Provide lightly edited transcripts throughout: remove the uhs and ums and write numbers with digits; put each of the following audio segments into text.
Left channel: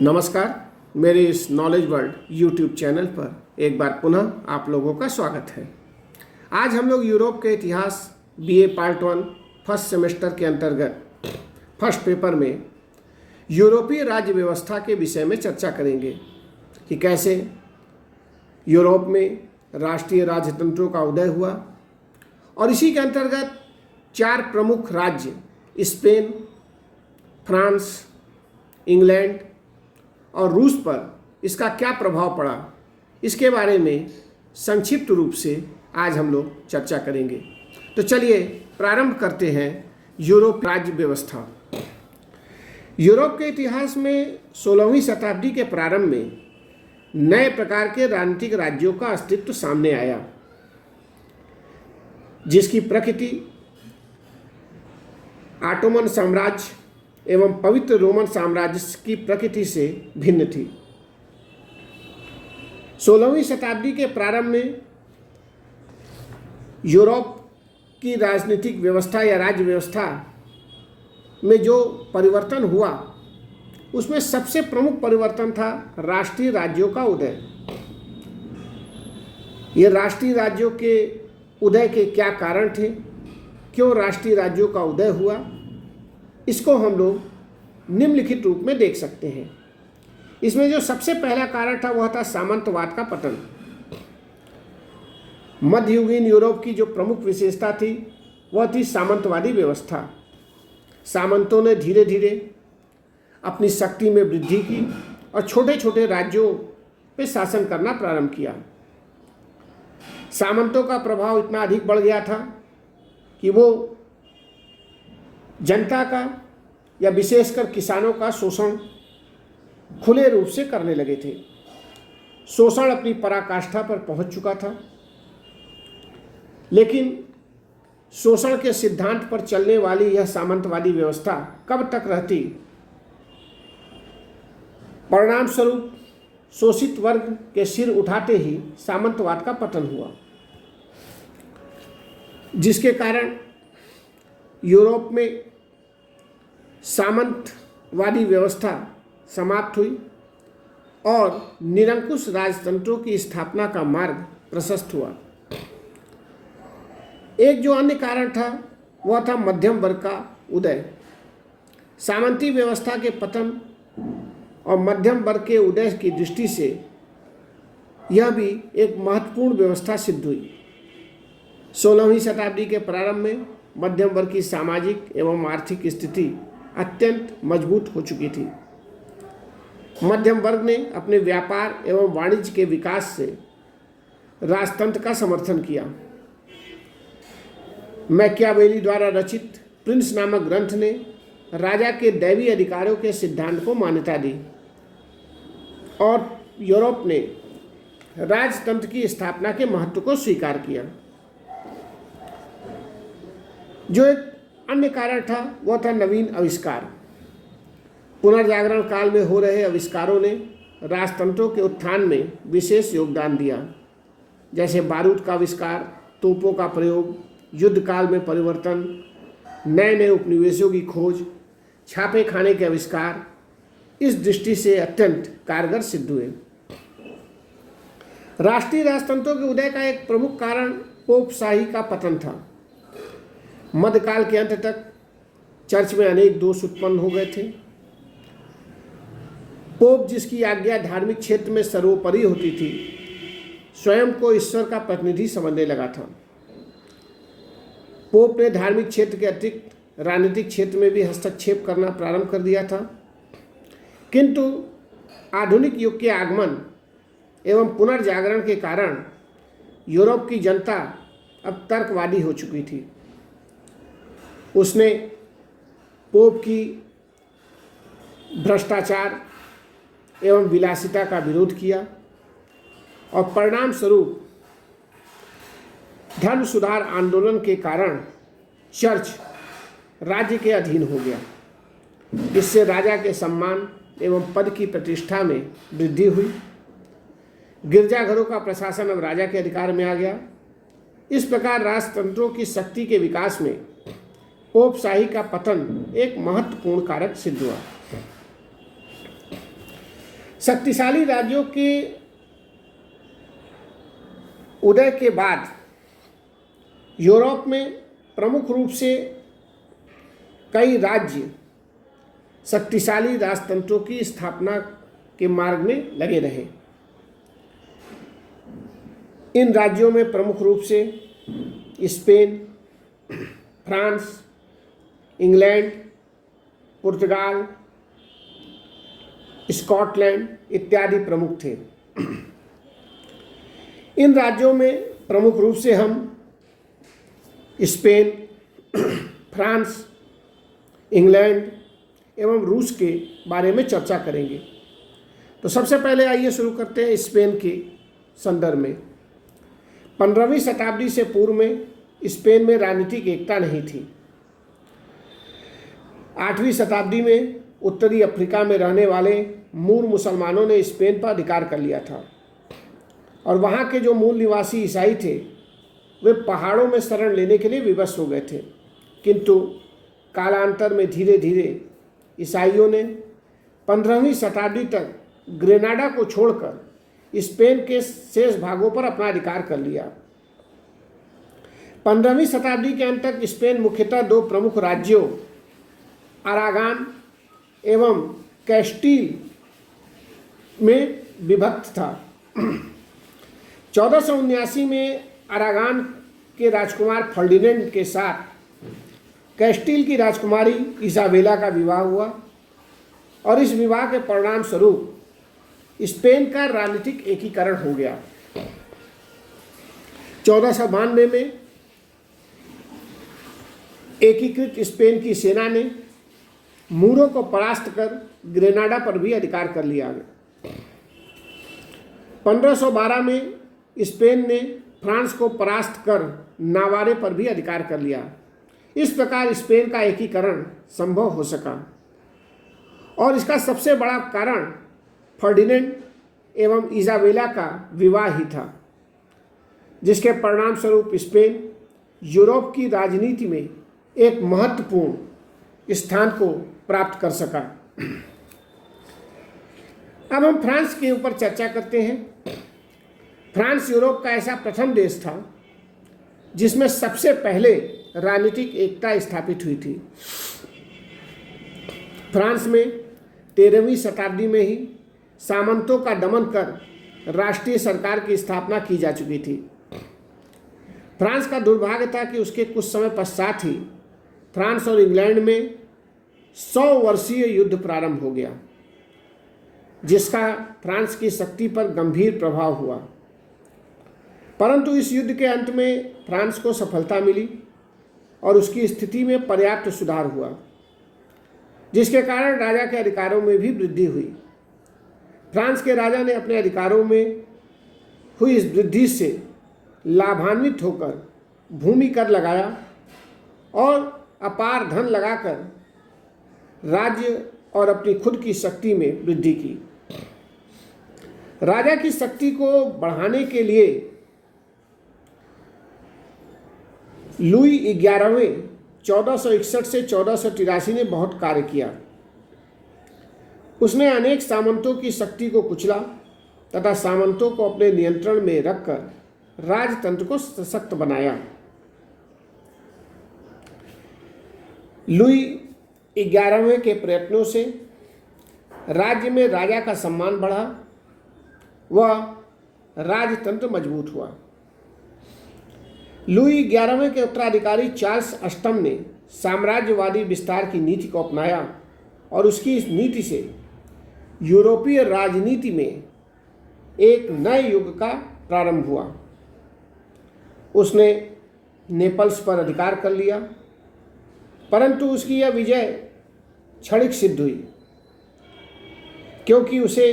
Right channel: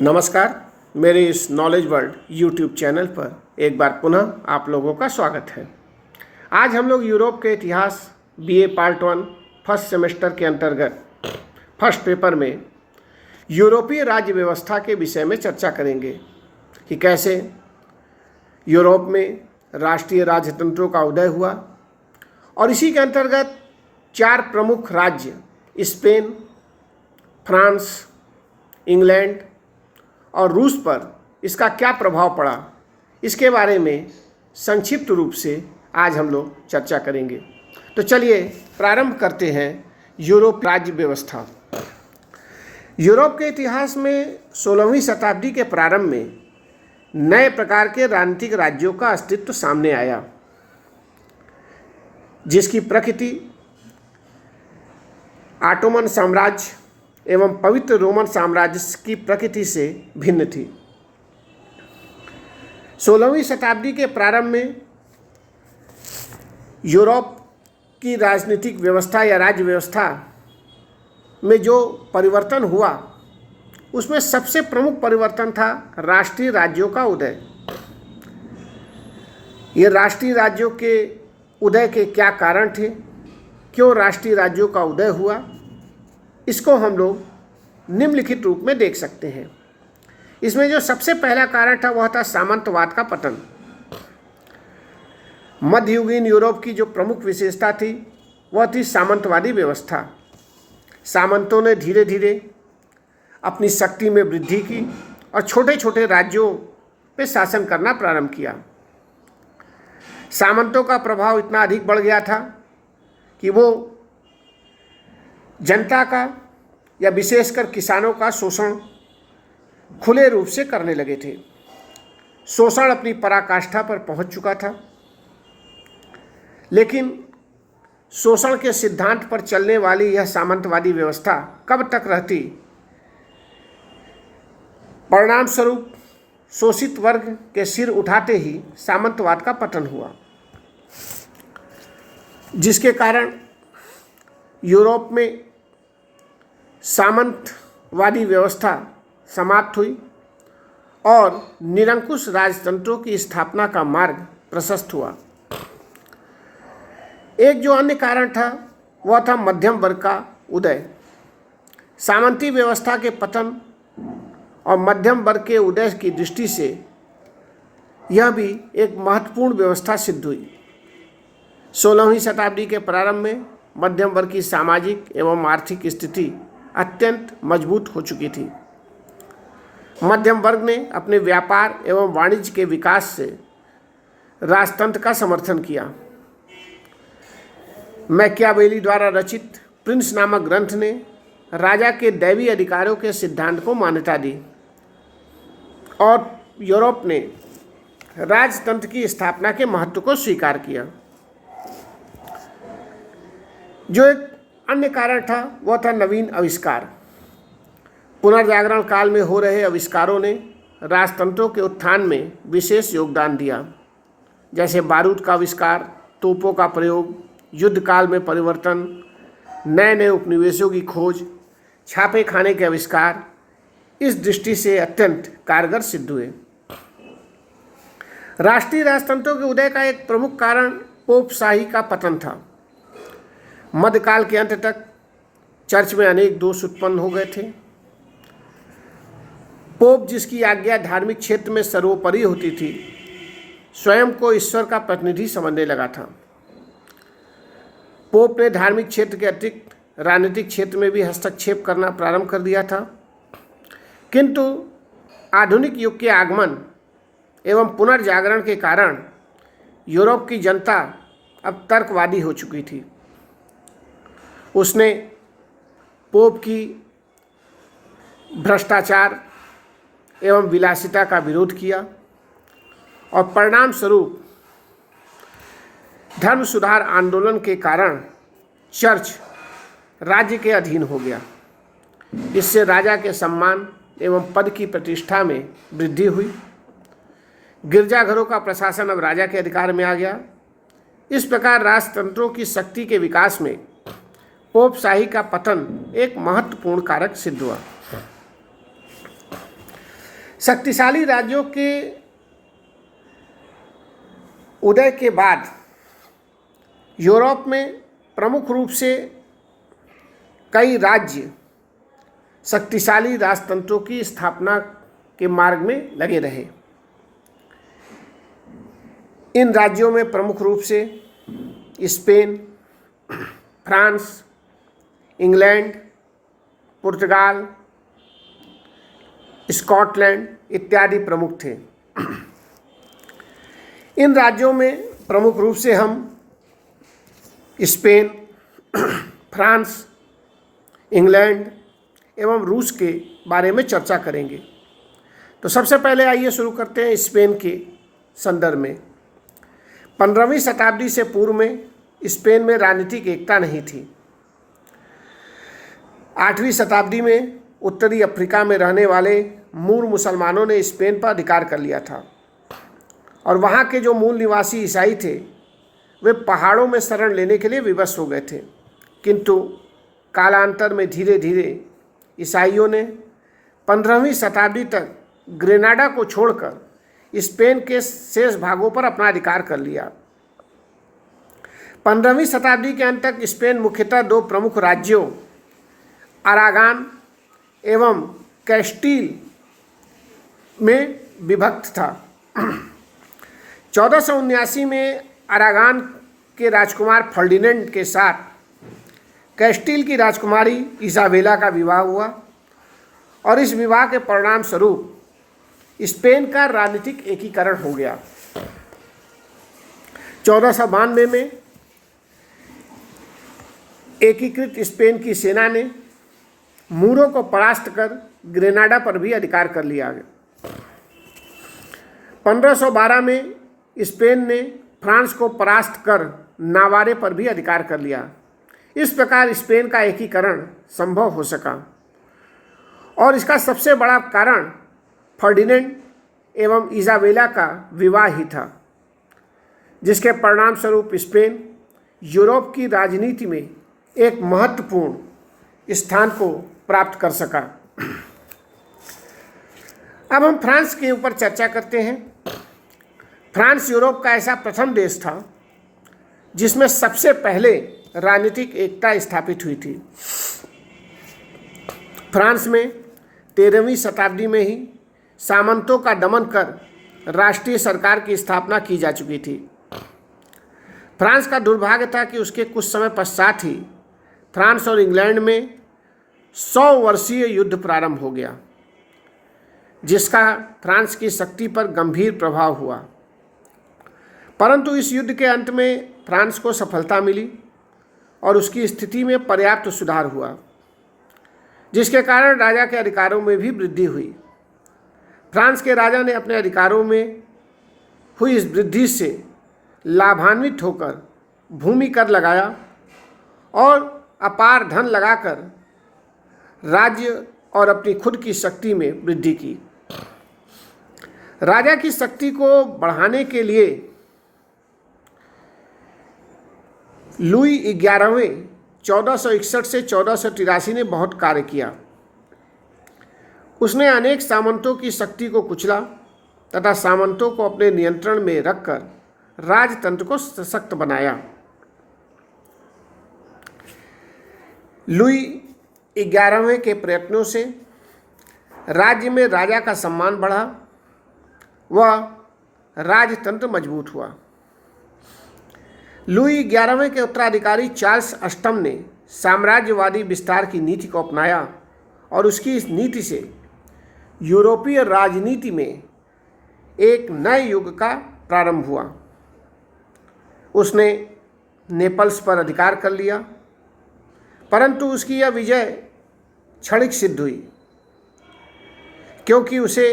नमस्कार। मेरे इस नॉलेज वर्ल्ड यूट्यूब चैनल पर एक बार पुनः आप लोगों का स्वागत है। आज हम लोग यूरोप के इतिहास बीए पार्ट 1 फर्स्ट सेमेस्टर के अंतर्गत फर्स्ट पेपर में यूरोपीय राज्य व्यवस्था के विषय में चर्चा करेंगे कि कैसे यूरोप में राष्ट्रीय राजतंत्रों का उदय हुआ और इसी के अंतर्गत 4 प्रमुख राज्य स्पेन, फ्रांस, इंग्लैंड और रूस पर इसका क्या प्रभाव पड़ा, इसके बारे में संक्षिप्त रूप से आज हम लोग चर्चा करेंगे। तो चलिए प्रारंभ करते हैं यूरोप राज्य व्यवस्था। यूरोप के इतिहास में 16वीं शताब्दी के प्रारंभ में नए प्रकार के राजनीतिक राज्यों का अस्तित्व सामने आया, जिसकी प्रकृति ऑटोमन साम्राज्य एवं पवित्र रोमन साम्राज्य की प्रकृति से भिन्न थी। 16वीं शताब्दी के प्रारंभ में यूरोप की राजनीतिक व्यवस्था या राज्य व्यवस्था में जो परिवर्तन हुआ, उसमें सबसे प्रमुख परिवर्तन था राष्ट्रीय राज्यों का उदय। ये राष्ट्रीय राज्यों के उदय के क्या कारण थे, क्यों राष्ट्रीय राज्यों का उदय हुआ, इसको हम लोग निम्नलिखित रूप में देख सकते हैं। इसमें जो सबसे पहला कारण था वह था सामंतवाद का पतन। मध्ययुगीन यूरोप की जो प्रमुख विशेषता थी वह थी सामंतवादी व्यवस्था। सामंतों ने धीरे धीरे अपनी शक्ति में वृद्धि की और छोटे छोटे राज्यों पे शासन करना प्रारंभ किया। सामंतों का प्रभाव इतना अधिक बढ़ गया था कि वो जनता का या विशेषकर किसानों का शोषण खुले रूप से करने लगे थे। शोषण अपनी पराकाष्ठा पर पहुंच चुका था, लेकिन शोषण के सिद्धांत पर चलने वाली यह सामंतवादी व्यवस्था कब तक रहती। परिणाम स्वरूप शोषित वर्ग के सिर उठाते ही सामंतवाद का पतन हुआ, जिसके कारण यूरोप में सामंतवादी व्यवस्था समाप्त हुई और निरंकुश राजतंत्रों की स्थापना का मार्ग प्रशस्त हुआ। एक जो अन्य कारण था वह था मध्यम वर्ग का उदय। सामंती व्यवस्था के पतन और मध्यम वर्ग के उदय की दृष्टि से यह भी एक महत्वपूर्ण व्यवस्था सिद्ध हुई। 16वीं शताब्दी के प्रारंभ में मध्यम वर्ग की सामाजिक एवं आर्थिक स्थिति अत्यंत मजबूत हो चुकी थी। मध्यम वर्ग ने अपने व्यापार एवं वाणिज्य के विकास से राजतंत्र का समर्थन किया। मैकियावेली द्वारा रचित प्रिंस नामक ग्रंथ ने राजा के दैवी अधिकारों के सिद्धांत को मान्यता दी और यूरोप ने राजतंत्र की स्थापना के महत्व को स्वीकार किया। जो एक अन्य कारण था वह था नवीन आविष्कार। पुनर्जागरण काल में हो रहे आविष्कारों ने राजतंत्रों के उत्थान में विशेष योगदान दिया, जैसे बारूद का आविष्कार, तोपों का प्रयोग, युद्ध काल में परिवर्तन, नए नए उपनिवेशों की खोज, छापे खाने के आविष्कार इस दृष्टि से अत्यंत कारगर सिद्ध हुए। राष्ट्रीय राजतंत्रों के उदय का एक प्रमुख कारण पोपशाही का पतन था। मध्यकाल के अंत तक चर्च में अनेक दोष उत्पन्न हो गए थे। पोप, जिसकी आज्ञा धार्मिक क्षेत्र में सर्वोपरि होती थी, स्वयं को ईश्वर का प्रतिनिधि समझने लगा था। पोप ने धार्मिक क्षेत्र के अतिरिक्त राजनीतिक क्षेत्र में भी हस्तक्षेप करना प्रारंभ कर दिया था। किंतु आधुनिक युग के आगमन एवं पुनर्जागरण के कारण यूरोप की जनता अब तर्कवादी हो चुकी थी। उसने पोप की भ्रष्टाचार एवं विलासिता का विरोध किया और परिणाम स्वरूप धर्म सुधार आंदोलन के कारण चर्च राज्य के अधीन हो गया। इससे राजा के सम्मान एवं पद की प्रतिष्ठा में वृद्धि हुई। गिरजाघरों का प्रशासन अब राजा के अधिकार में आ गया। इस प्रकार राजतंत्रों की शक्ति के विकास में पोपशाही का पतन एक महत्वपूर्ण कारक सिद्ध हुआ। शक्तिशाली राज्यों के उदय के बाद यूरोप में प्रमुख रूप से कई राज्य शक्तिशाली राजतंत्रों की स्थापना के मार्ग में लगे रहे। इन राज्यों में प्रमुख रूप से स्पेन, फ्रांस, इंग्लैंड, पुर्तगाल, स्कॉटलैंड इत्यादि प्रमुख थे। इन राज्यों में प्रमुख रूप से हम स्पेन, फ्रांस, इंग्लैंड एवं रूस के बारे में चर्चा करेंगे। तो सबसे पहले आइए शुरू करते हैं स्पेन के संदर्भ में। 15वीं शताब्दी से पूर्व में स्पेन में राजनीतिक एकता नहीं थी। 8वीं शताब्दी में उत्तरी अफ्रीका में रहने वाले मूल मुसलमानों ने स्पेन पर अधिकार कर लिया था और वहाँ के जो मूल निवासी ईसाई थे वे पहाड़ों में शरण लेने के लिए विवश हो गए थे। किंतु कालांतर में धीरे धीरे ईसाइयों ने 15वीं शताब्दी तक ग्रेनाडा को छोड़कर स्पेन के शेष भागों पर अपना अधिकार कर लिया। 15वीं शताब्दी के अंत तक स्पेन मुख्यतः दो प्रमुख राज्यों अरागान एवं कैस्टील में विभक्त था। 1479 में अरागान के राजकुमार फर्डिनेंड के साथ कैस्टील की राजकुमारी इसाबेला का विवाह हुआ और इस विवाह के परिणाम स्वरूप स्पेन का राजनीतिक एकीकरण हो गया। 1492 में एकीकृत स्पेन की सेना ने मूरों को परास्त कर ग्रेनाडा पर भी अधिकार कर लिया। 1512 में स्पेन ने फ्रांस को परास्त कर नावारे पर भी अधिकार कर लिया। इस प्रकार स्पेन का एकीकरण संभव हो सका और इसका सबसे बड़ा कारण फर्डिनेंड एवं इजाबेला का विवाह ही था, जिसके परिणाम स्वरूप स्पेन यूरोप की राजनीति में एक महत्वपूर्ण स्थान को प्राप्त कर सका। अब हम फ्रांस के ऊपर चर्चा करते हैं। फ्रांस यूरोप का ऐसा प्रथम देश था जिसमें सबसे पहले राजनीतिक एकता स्थापित हुई थी। फ्रांस में 13वीं शताब्दी में ही सामंतों का दमन कर राष्ट्रीय सरकार की स्थापना की जा चुकी थी। फ्रांस का दुर्भाग्य था कि उसके कुछ समय पश्चात ही फ्रांस और इंग्लैंड में 100 वर्षीय युद्ध प्रारंभ हो गया, जिसका फ्रांस की शक्ति पर गंभीर प्रभाव हुआ। परंतु इस युद्ध के अंत में फ्रांस को सफलता मिली और उसकी स्थिति में पर्याप्त सुधार हुआ, जिसके कारण राजा के अधिकारों में भी वृद्धि हुई। फ्रांस के राजा ने अपने अधिकारों में हुई इस वृद्धि से लाभान्वित होकर भूमि कर लगाया और अपार धन लगाकर राज्य और अपनी खुद की शक्ति में वृद्धि की। राजा की शक्ति को बढ़ाने के लिए लुई 11वें 1461 से 1483 ने बहुत कार्य किया। उसने अनेक सामंतों की शक्ति को कुचला तथा सामंतों को अपने नियंत्रण में रखकर राजतंत्र को सशक्त बनाया। लुई 11वें के प्रयत्नों से राज्य में राजा का सम्मान बढ़ा, वह राजतंत्र मजबूत हुआ। लुई 11वें के उत्तराधिकारी चार्ल्स अष्टम ने साम्राज्यवादी विस्तार की नीति को अपनाया और उसकी इस नीति से यूरोपीय राजनीति में एक नए युग का प्रारंभ हुआ। उसने नेपल्स पर अधिकार कर लिया, परंतु उसकी यह विजय क्षणिक सिद्ध हुई, क्योंकि उसे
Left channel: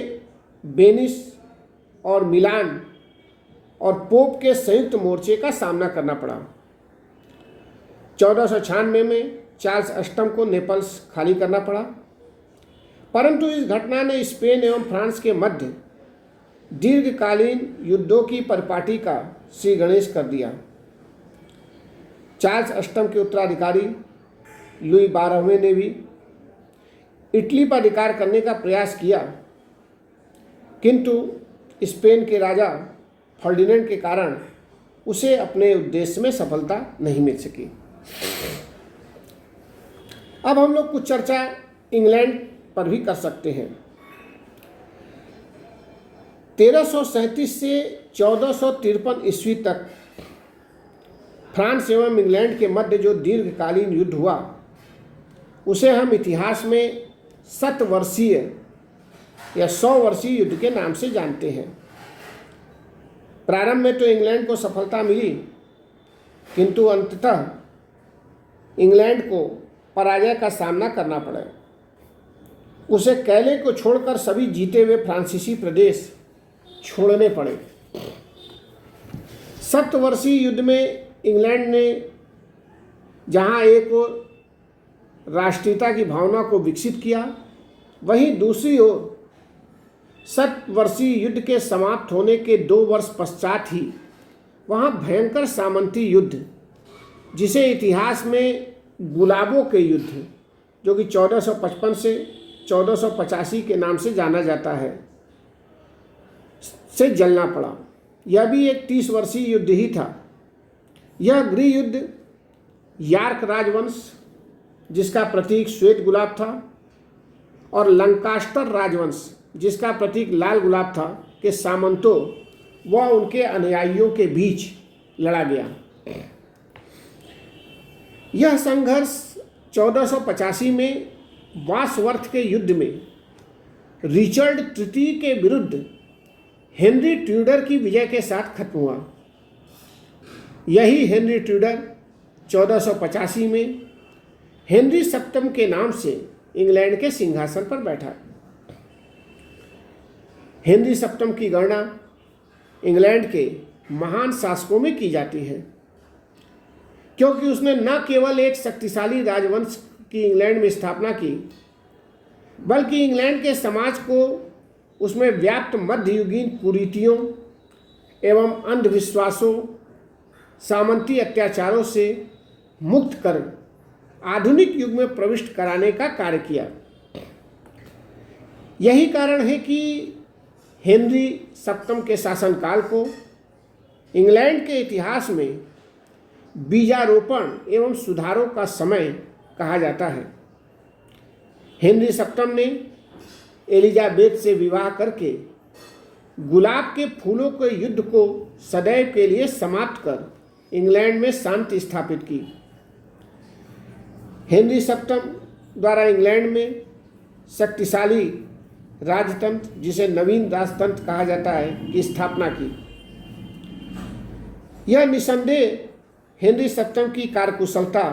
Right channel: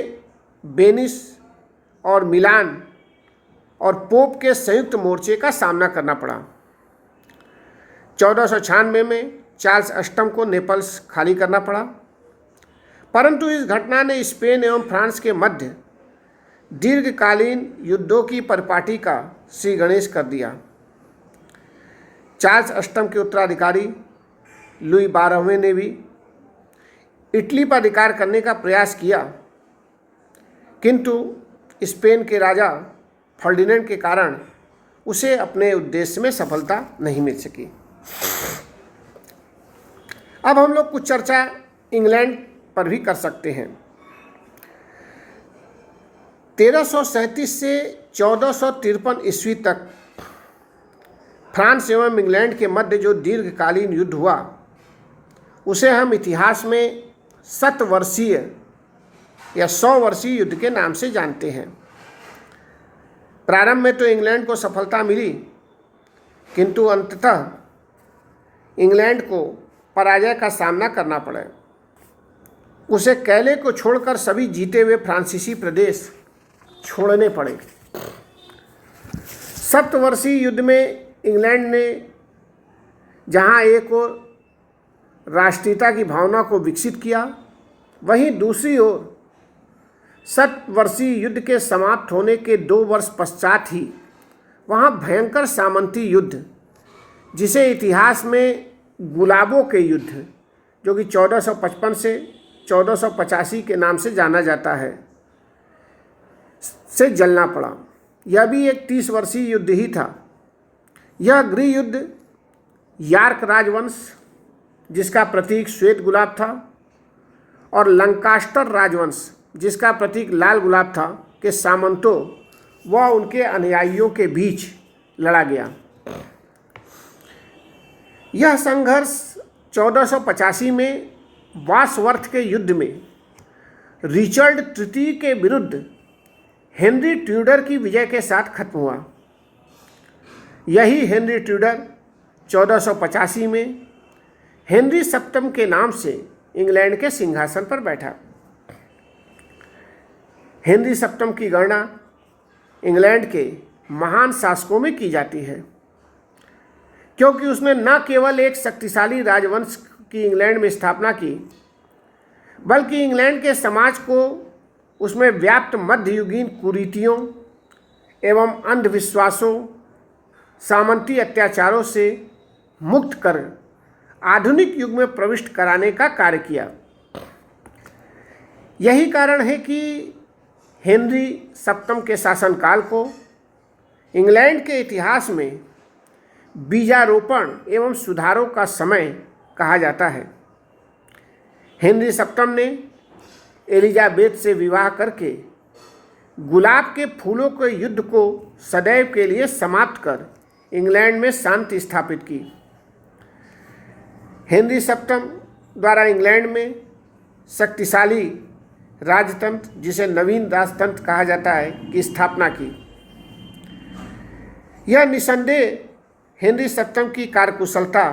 वेनिस और मिलान और पोप के संयुक्त मोर्चे का सामना करना पड़ा। 1496 में चार्ल्स अष्टम को नेपल्स खाली करना पड़ा, परंतु इस घटना ने स्पेन एवं फ्रांस के मध्य दीर्घकालीन युद्धों की परिपाटी का श्री गणेश कर दिया। चार्ल्स अष्टम के उत्तराधिकारी लुई 12वें ने भी इटली पर अधिकार करने का प्रयास किया, किंतु स्पेन के राजा फर्डिनेंड के कारण उसे अपने उद्देश्य में सफलता नहीं मिल सकी। अब हम लोग कुछ चर्चा इंग्लैंड पर भी कर सकते हैं। 1337 से 1453 ईस्वी तक फ्रांस एवं इंग्लैंड के मध्य जो दीर्घकालीन युद्ध हुआ उसे हम इतिहास में शतवर्षीय या 100 वर्षीय युद्ध के नाम से जानते हैं। प्रारंभ में तो इंग्लैंड को सफलता मिली, किंतु अंततः इंग्लैंड को पराजय का सामना करना पड़ा। उसे कैले को छोड़कर सभी जीते हुए फ्रांसीसी प्रदेश छोड़ने पड़े। शतवर्षीय युद्ध में इंग्लैंड ने जहां एक ओर राष्ट्रीयता की भावना को विकसित किया, वहीं दूसरी ओर शतवर्षीय युद्ध के समाप्त होने के 2 वर्ष पश्चात ही वहां भयंकर सामंती युद्ध, जिसे इतिहास में गुलाबों के युद्ध, जो कि 1455 से 1485 के नाम से जाना जाता है, से जलना पड़ा। यह भी एक 30 वर्षीय युद्ध ही था। यह गृह युद्ध यार्क राजवंश, जिसका प्रतीक श्वेत गुलाब था, और लंकास्टर राजवंश, जिसका प्रतीक लाल गुलाब था, के सामंतों व उनके अनुयायियों के बीच लड़ा गया। यह संघर्ष 1485 में वासवर्थ के युद्ध में रिचर्ड तृतीय के विरुद्ध हेनरी ट्यूडर की विजय के साथ खत्म हुआ। यही हेनरी ट्यूडर 1485 में हेनरी सप्तम के नाम से इंग्लैंड के सिंहासन पर बैठा। हेनरी सप्तम की गणना इंग्लैंड के महान शासकों में की जाती है, क्योंकि उसने न केवल एक शक्तिशाली राजवंश की इंग्लैंड में स्थापना की, बल्कि इंग्लैंड के समाज को उसमें व्याप्त मध्ययुगीन कुरीतियों एवं अंधविश्वासों, सामंती अत्याचारों से मुक्त कर आधुनिक युग में प्रविष्ट कराने का कार्य किया। यही कारण है कि हेनरी सप्तम के शासनकाल को इंग्लैंड के इतिहास में बीजारोपण एवं सुधारों का समय कहा जाता है। हेनरी सप्तम ने एलिजाबेथ से विवाह करके गुलाब के फूलों के युद्ध को सदैव के लिए समाप्त कर इंग्लैंड में शांति स्थापित की। हेनरी सप्तम द्वारा इंग्लैंड में शक्तिशाली राजतंत्र, जिसे नवीन राजतंत्र कहा जाता है, की स्थापना की। यह निसंदेह हेनरी सप्तम की कार्यकुशलता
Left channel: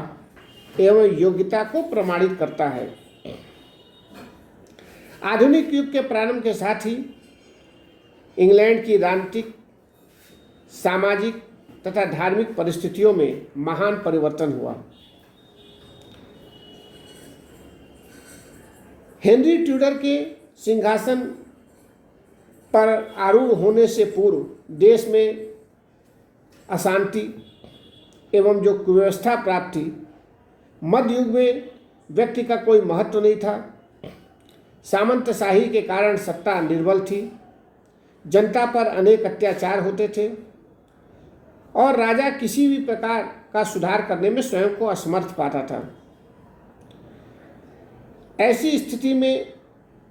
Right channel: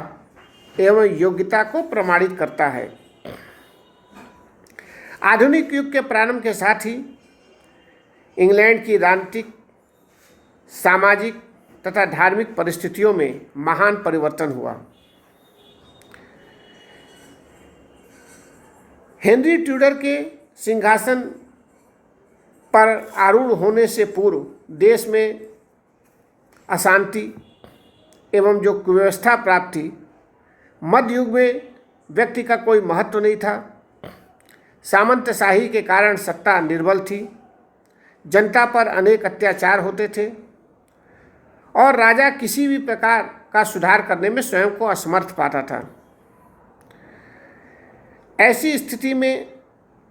एवं योग्यता को प्रमाणित करता है। आधुनिक युग के प्रारंभ के साथ ही इंग्लैंड की राजनीतिक, सामाजिक तथा धार्मिक परिस्थितियों में महान परिवर्तन हुआ। हेनरी ट्यूडर के सिंहासन पर आरूढ़ होने से पूर्व देश में अशांति एवं जो कुव्यवस्था प्राप्त थी, मध्य युग में व्यक्ति का कोई महत्व नहीं था। सामंतशाही के कारण सत्ता निर्बल थी, जनता पर अनेक अत्याचार होते थे और राजा किसी भी प्रकार का सुधार करने में स्वयं को असमर्थ पाता था। ऐसी स्थिति में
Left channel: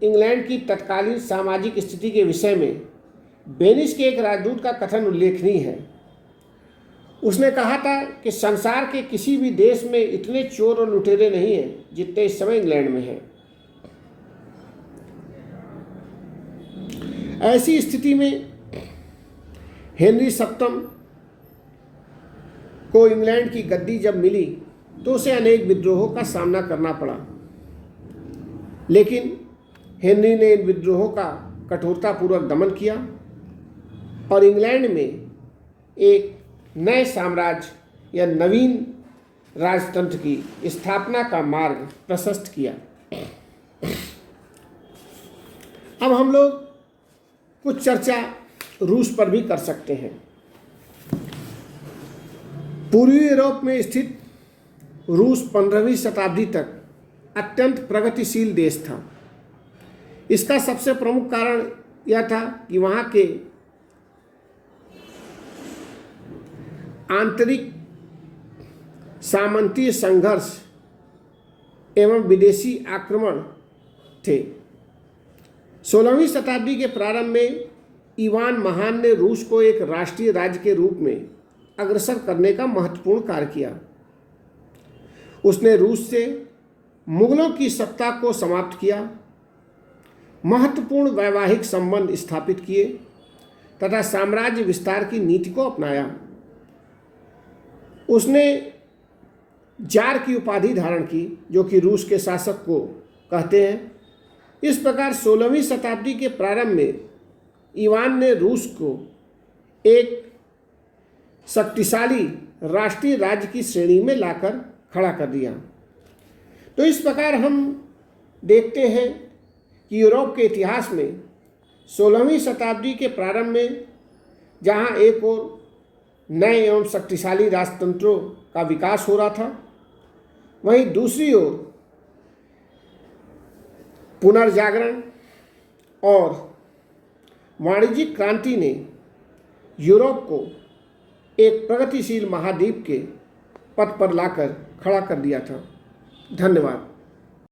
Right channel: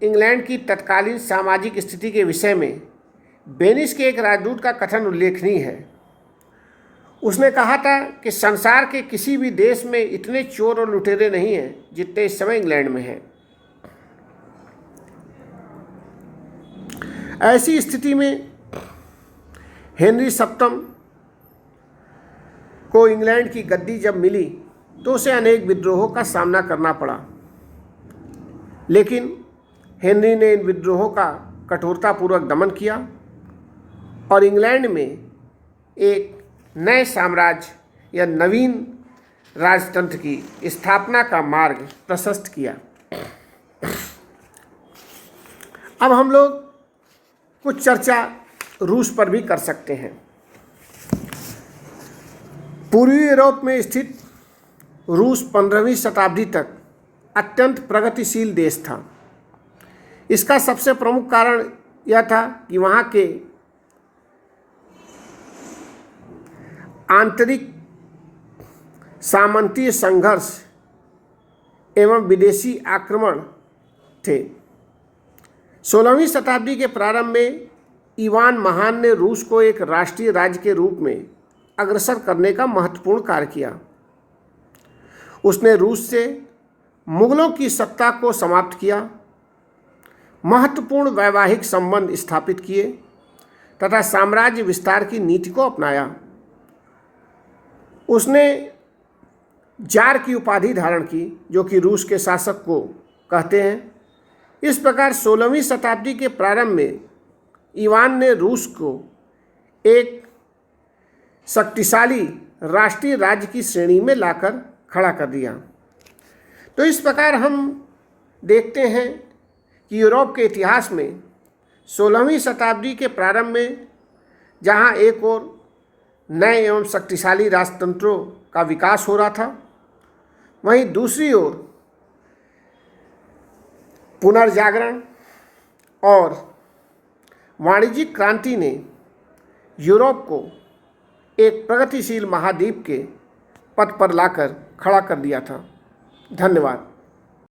इंग्लैंड की तत्कालीन सामाजिक स्थिति के विषय में बेनिस के एक राजदूत का कथन उल्लेखनीय है। उसने कहा था कि संसार के किसी भी देश में इतने चोर और लुटेरे नहीं हैं जितने इस समय इंग्लैंड में हैं। ऐसी स्थिति में हेनरी सप्तम को इंग्लैंड की गद्दी जब मिली तो उसे अनेक विद्रोहों का सामना करना पड़ा, लेकिन हेनरी ने इन विद्रोहों का कठोरतापूर्वक दमन किया और इंग्लैंड में एक नए साम्राज्य या नवीन राजतंत्र की स्थापना का मार्ग प्रशस्त किया। अब हम लोग कुछ चर्चा रूस पर भी कर सकते हैं। पूर्वी यूरोप में स्थित रूस 15वीं शताब्दी तक अत्यंत प्रगतिशील देश था। इसका सबसे प्रमुख कारण यह था कि वहाँ के आंतरिक सामंतीय संघर्ष एवं विदेशी आक्रमण थे। 16वीं शताब्दी के प्रारंभ में इवान महान ने रूस को एक राष्ट्रीय राज्य के रूप में अग्रसर करने का महत्वपूर्ण कार्य किया। उसने रूस से मुगलों की सत्ता को समाप्त किया, महत्वपूर्ण वैवाहिक संबंध स्थापित किए तथा साम्राज्य विस्तार की नीति को अपनाया। उसने जार की उपाधि धारण की, जो कि रूस के शासक को कहते हैं। इस प्रकार 16वीं शताब्दी के प्रारंभ में इवान ने रूस को एक शक्तिशाली राष्ट्रीय राज्य की श्रेणी में लाकर खड़ा कर दिया। तो इस प्रकार हम देखते हैं कि यूरोप के इतिहास में 16वीं शताब्दी के प्रारंभ में जहां एक ओर नए एवं शक्तिशाली राजतंत्रों का विकास हो रहा था, वहीं दूसरी ओर पुनर्जागरण और वाणिज्यिक क्रांति ने यूरोप को एक प्रगतिशील महाद्वीप के पथ पर लाकर खड़ा कर दिया था। धन्यवाद।